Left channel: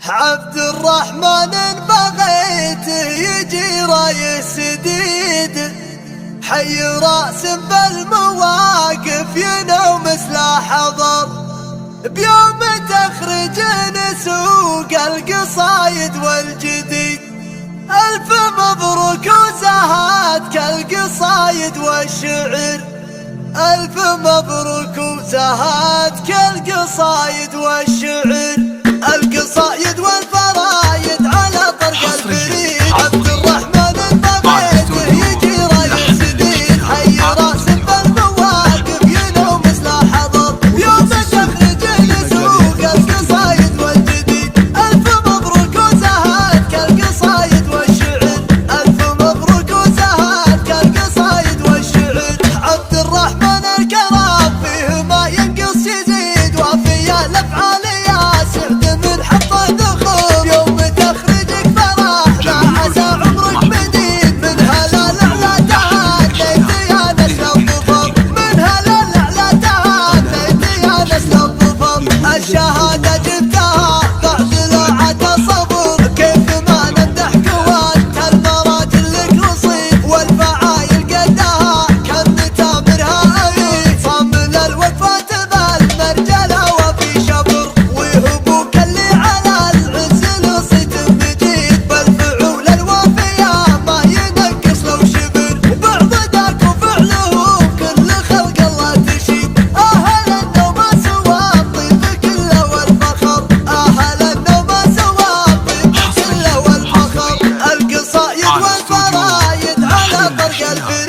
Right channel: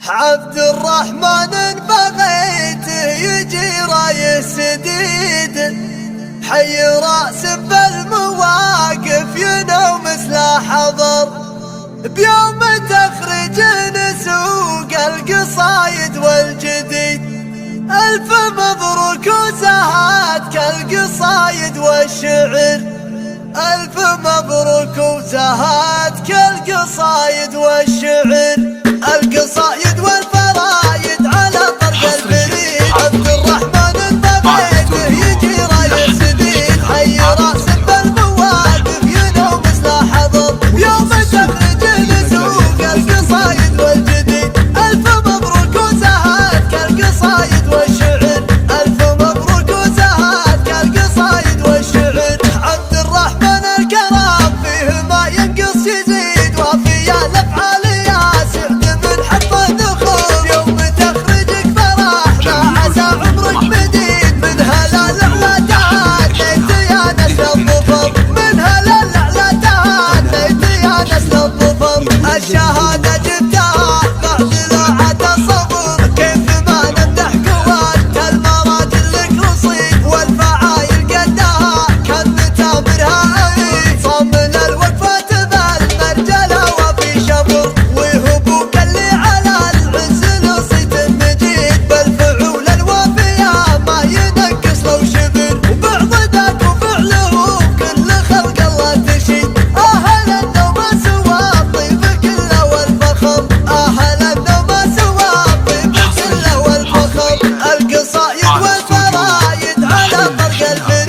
عبد الرحمن بغيته يجي رايه سديد، حي راس بالمواقف ينوم مثل حضر، بيوم تخرج نسوق القصايد والجديد. ألف مبروك وزهات كالقصايد والشعر، ألف مبروك وزهات كالقصايد والشعر، القصايد والفرايد على طرق الفريد. عبد الرحمن بغيته يجي رايه سديد، حي راس بالمواقف ينوم مثل حضر، يوم تخرج نسوق القصايد والجديد. ألف مبروك وزهات كالقصايد والشعر، ألف مبروك وزهات كالقصايد والشعر. عبد الرحمن الكرام فيه ما ينقص يزيد، وفي الأفعال يا سعد من حط ذخور، يوم تخرجك فرحنا عسى عمرك مديد. من هلال اعلى تهانيت يا نسل الظفر، من هلال اعلى تهانيت يا نسل الظفر. الشهادة جبتها بعد لوعة الصبر، كيف ما نمدح قوات المراجل لك رصيد، والفعايل قدها كان تامرها أبي، صامل الوقفات بالمرجلة وفي شبر، وهبوك اللي على العز لصيت مجيد، بالفعول الوافية ما ينقص لو شبر، وبعض ذاك وفعله كل خلق الله تشيد. أهل النوم سوى الطيب كله والفخر، أهل النوم سوى الطيب كله والفخر، القصايد والفرايد على طرق الفيل.